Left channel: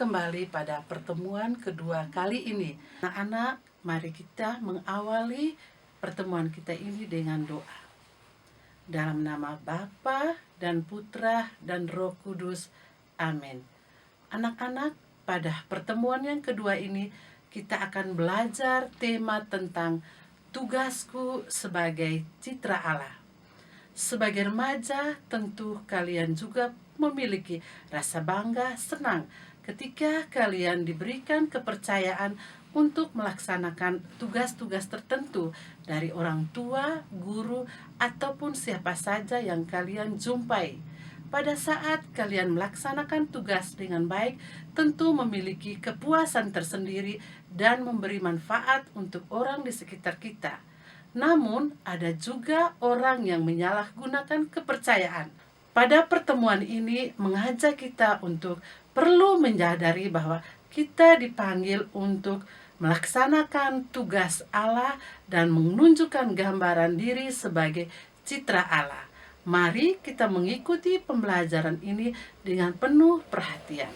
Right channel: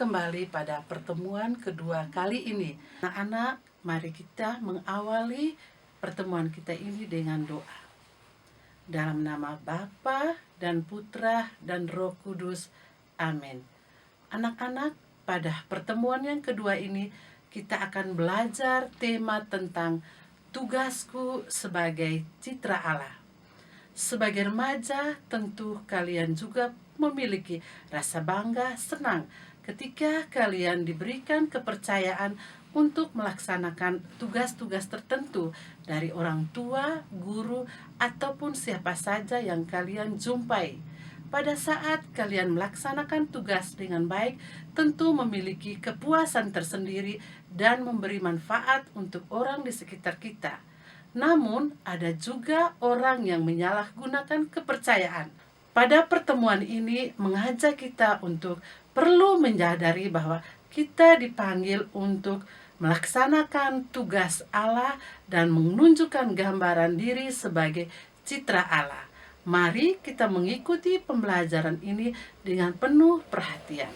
kembali pada pertemuan kedua kali ini. Anak-anak, mari kita mengawali pertemuan kita ini dengan doa. Dalam nama Bapa dan Putra dan Roh Kudus. Amin. Anak-anak, pada pertemuan yang kedua ini kita akan belajar tema tentang tugasku sebagai citra Allah. Sebagai remaja, tentu kalian juga memiliki rasa bangga, senang ketika kalian diberikan kepercayaan untuk melaksanakan tugas-tugas tertentu dari orang tua, guru, ataupun siapa saja yang kalian jumpai. Pada saat kalian melaksanakan tugas dengan baik, tentu memiliki kepuasan tersendiri dan memberi manfaat untuk orang di sekitar kita. Namun, ada juga orang yang menyalahgunakan kepercayaan. Pada pertemuan ini mengajak kita untuk perlu menyadari bahwa kita dipanggil untuk melaksanakan tugas Allah dan menunjukkan gambaran diri sebagai citra Allah. Mari kita mengikuti pembelajaran ini dengan penuh perhatian.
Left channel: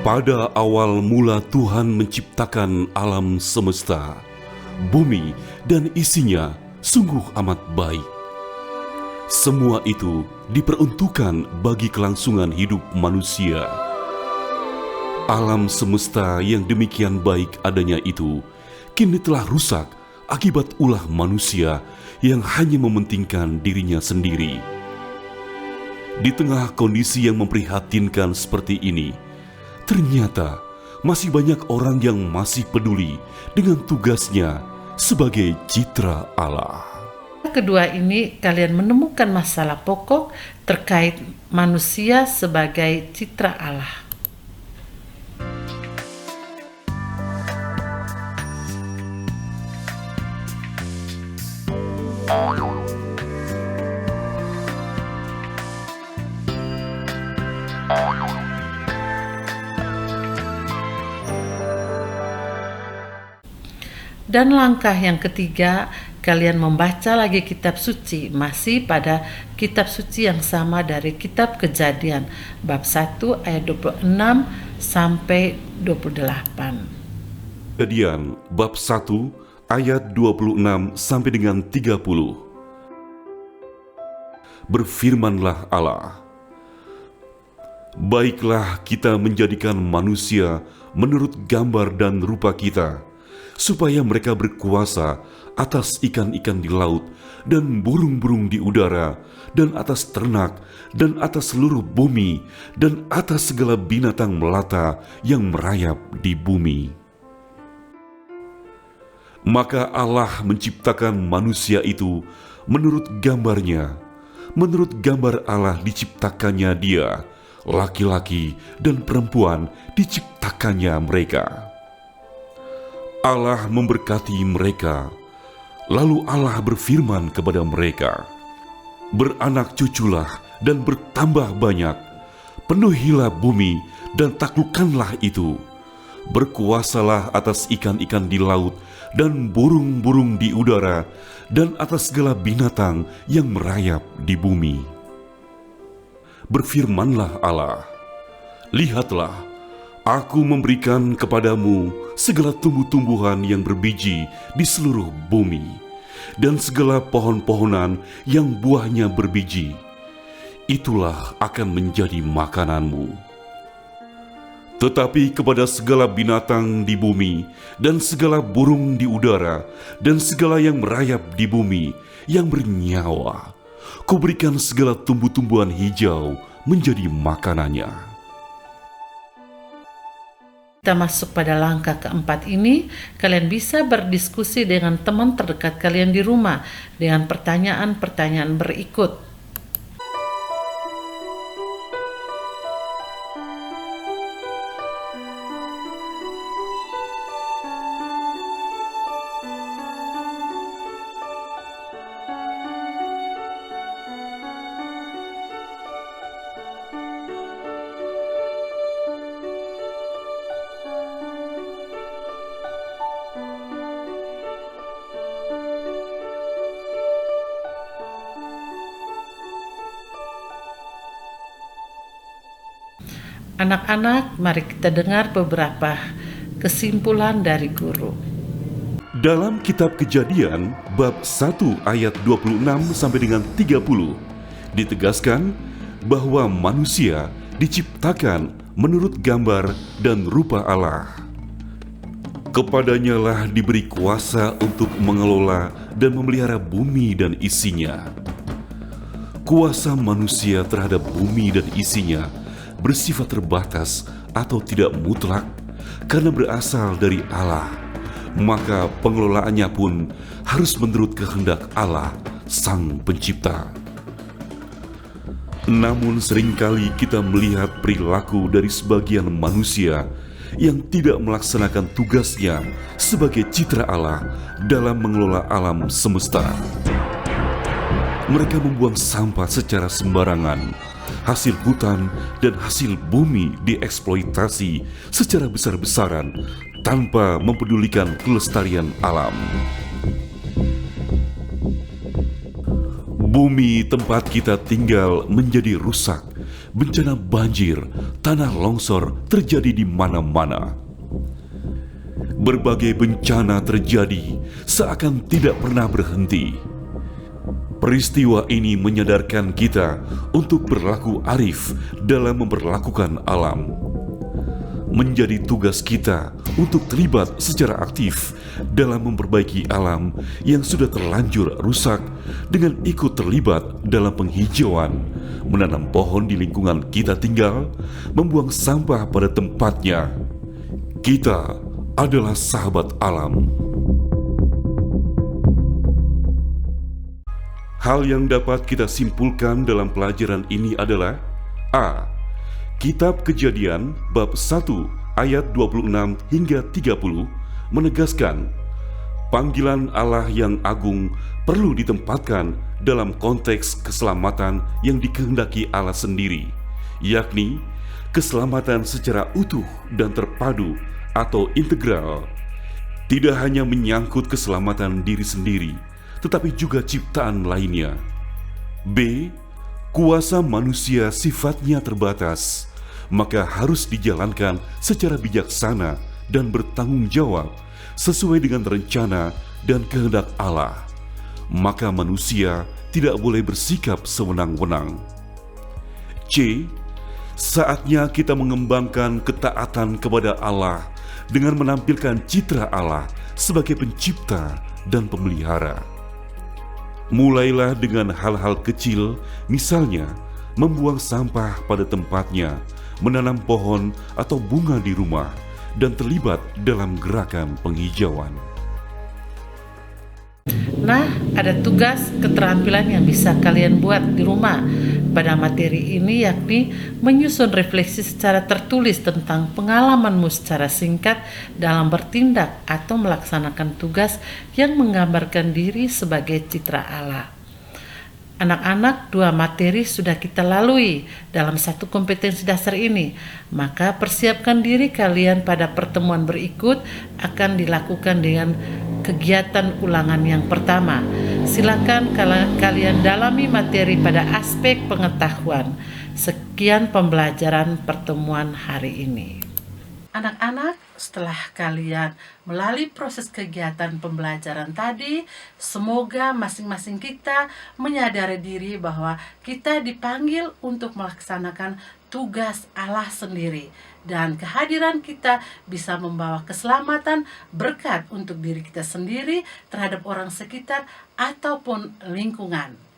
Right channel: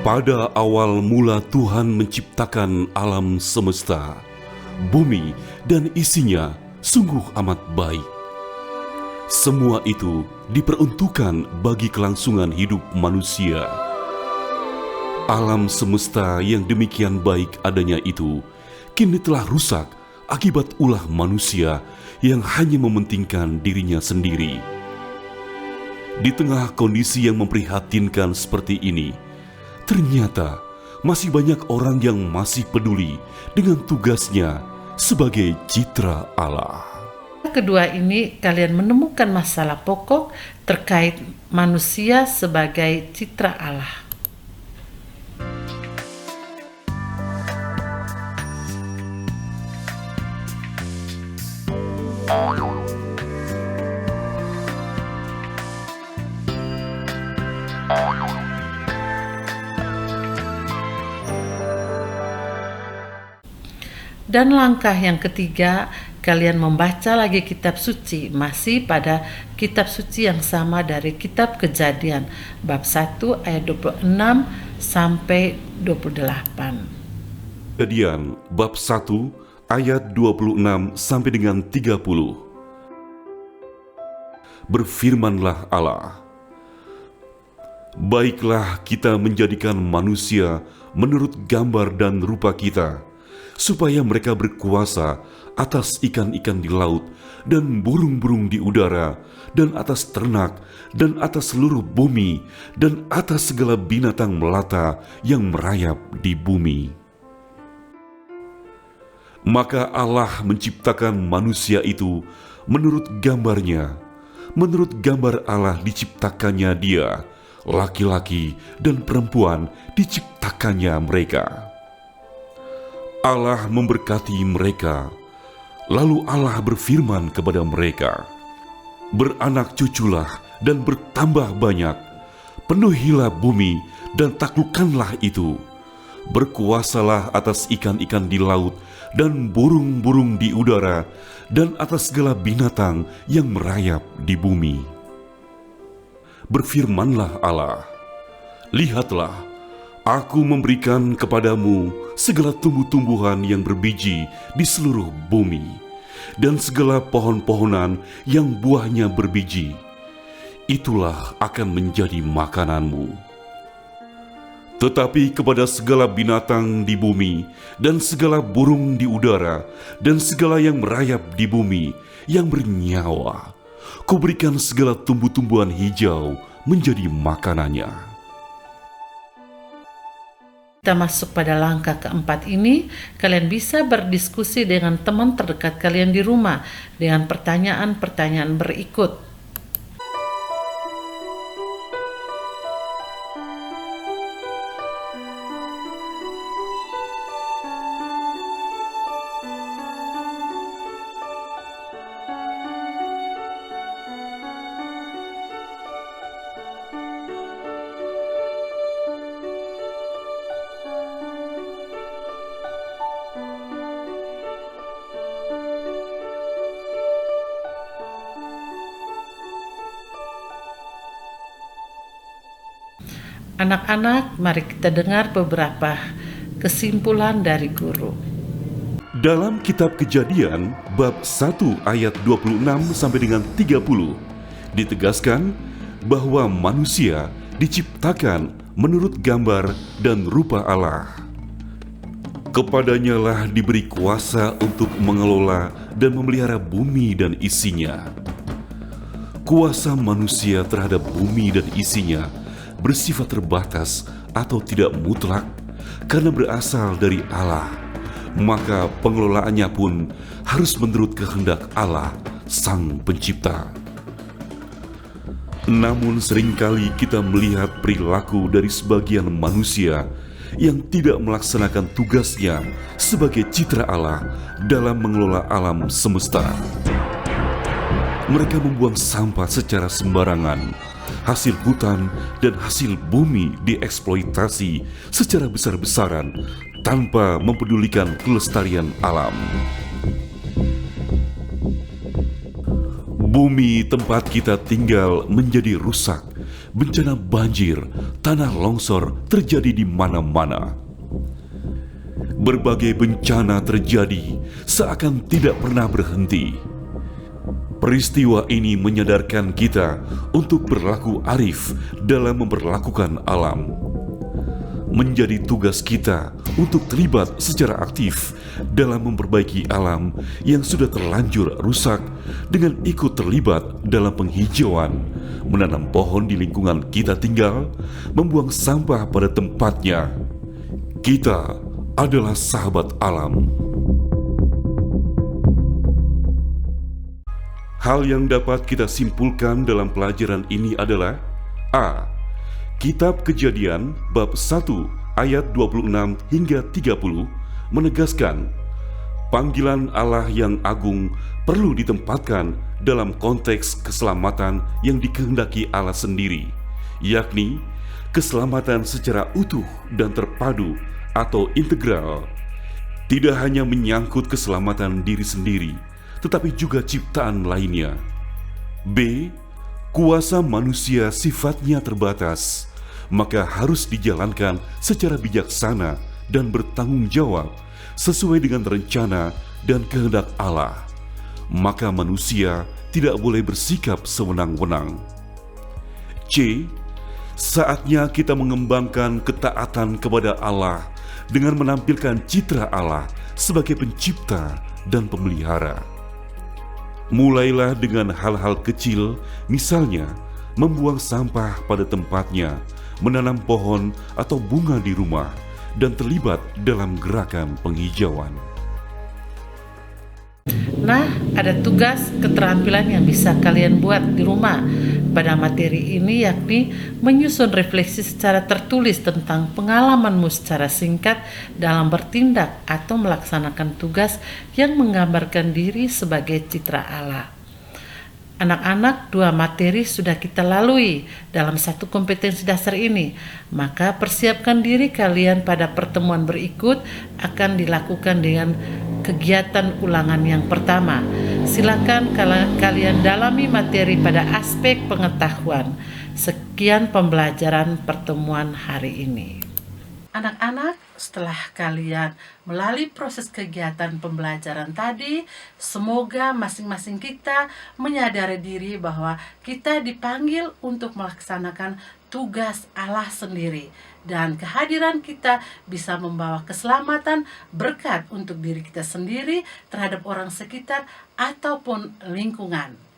Pada awal mula Tuhan menciptakan alam semesta, bumi dan isinya sungguh amat baik. Semua itu diperuntukkan bagi kelangsungan hidup manusia. Alam semesta yang demikian baik adanya itu kini telah rusak akibat ulah manusia yang hanya mementingkan dirinya sendiri. Di tengah kondisi yang memprihatinkan seperti ini, ternyata masih banyak orang yang masih peduli dengan tugasnya sebagai citra Allah. Kejadian bab 1 ayat 26 sampai dengan 30. Berfirmanlah Allah, "Baiklah kita menjadikan manusia menurut gambar dan rupa kita, supaya mereka berkuasa atas ikan-ikan di laut dan burung-burung di udara dan atas ternak dan atas seluruh bumi dan atas segala binatang melata yang merayap di bumi." Maka Allah menciptakan manusia itu menurut gambarnya. Menurut gambar Allah diciptakannya dia, laki-laki dan perempuan diciptakannya mereka. Allah memberkati mereka, lalu Allah berfirman kepada mereka, "Beranak cuculah dan bertambah banyak, penuhilah bumi dan taklukkanlah itu. Berkuasalah atas ikan-ikan di laut dan burung-burung di udara dan atas segala binatang yang merayap di bumi." Berfirmanlah Allah, "Lihatlah, Aku memberikan kepadamu segala tumbuh-tumbuhan yang berbiji di seluruh bumi, dan segala pohon-pohonan yang buahnya berbiji. Itulah akan menjadi makananmu. Tetapi kepada segala binatang di bumi, dan segala burung di udara, dan segala yang merayap di bumi, yang bernyawa, Kuberikan segala tumbuh-tumbuhan hijau menjadi makanannya." Dalam kitab Kejadian bab 1 ayat 26 sampai dengan 30 ditegaskan bahwa manusia diciptakan menurut gambar dan rupa Allah. Kepadanya lah diberi kuasa untuk mengelola dan memelihara bumi dan isinya. Kuasa manusia terhadap bumi dan isinya bersifat terbatas atau tidak mutlak karena berasal dari Allah. Maka pengelolaannya pun harus menurut kehendak Allah, Sang Pencipta. Namun seringkali kita melihat perilaku dari sebagian manusia yang tidak melaksanakan tugasnya sebagai citra Allah dalam mengelola alam semesta. Mereka membuang sampah secara sembarangan. Hasil hutan dan hasil bumi dieksploitasi secara besar-besaran tanpa mempedulikan kelestarian alam. Bumi tempat kita tinggal menjadi rusak. Bencana banjir, tanah longsor terjadi di mana-mana. Berbagai bencana terjadi seakan tidak pernah berhenti. Peristiwa ini menyadarkan kita untuk berlaku arif dalam memperlakukan alam. Menjadi tugas kita untuk terlibat secara aktif dalam memperbaiki alam yang sudah terlanjur rusak dengan ikut terlibat dalam penghijauan, menanam pohon di lingkungan kita tinggal, membuang sampah pada tempatnya. Kita adalah sahabat alam. Hal yang dapat kita simpulkan dalam pelajaran ini adalah: A. Kitab Kejadian bab 1 ayat 26 hingga 30 menegaskan panggilan Allah yang agung perlu ditempatkan dalam konteks keselamatan yang dikehendaki Allah sendiri, yakni keselamatan secara utuh dan terpadu atau integral. Tidak hanya menyangkut keselamatan diri sendiri, tetapi juga ciptaan lainnya. B. Kuasa manusia sifatnya terbatas, maka harus dijalankan secara bijaksana dan bertanggung jawab sesuai dengan rencana dan kehendak Allah. Maka manusia tidak boleh bersikap sewenang-wenang. C. Saatnya kita mengembangkan ketaatan kepada Allah dengan menampilkan citra Allah sebagai pencipta dan pemelihara. Mulailah dengan hal-hal kecil, misalnya membuang sampah pada tempatnya, menanam pohon atau bunga di rumah, dan terlibat dalam gerakan penghijauan. Anak-anak, setelah kalian melalui proses kegiatan pembelajaran tadi, semoga masing-masing kita menyadari diri bahwa kita dipanggil untuk melaksanakan tugas Allah sendiri. Dan kehadiran kita bisa membawa keselamatan, berkat untuk diri kita sendiri, terhadap orang sekitar, ataupun lingkungan.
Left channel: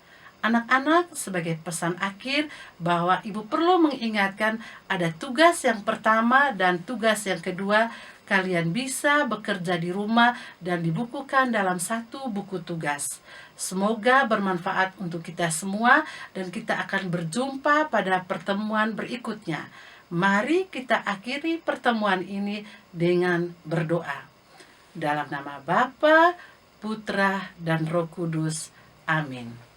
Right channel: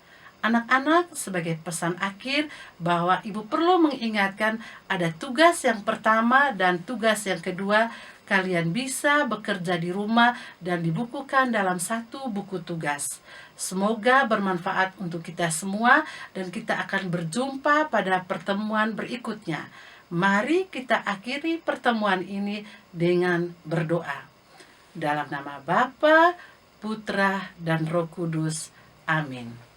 Anak-anak, sebagai pesan akhir bahwa ibu perlu mengingatkan ada tugas yang pertama dan tugas yang kedua. Kalian bisa bekerja di rumah dan dibukukan dalam satu buku tugas. Semoga bermanfaat untuk kita semua dan kita akan berjumpa pada pertemuan berikutnya. Mari kita akhiri pertemuan ini dengan berdoa. Dalam nama Bapa, Putra, dan Roh Kudus. Amin.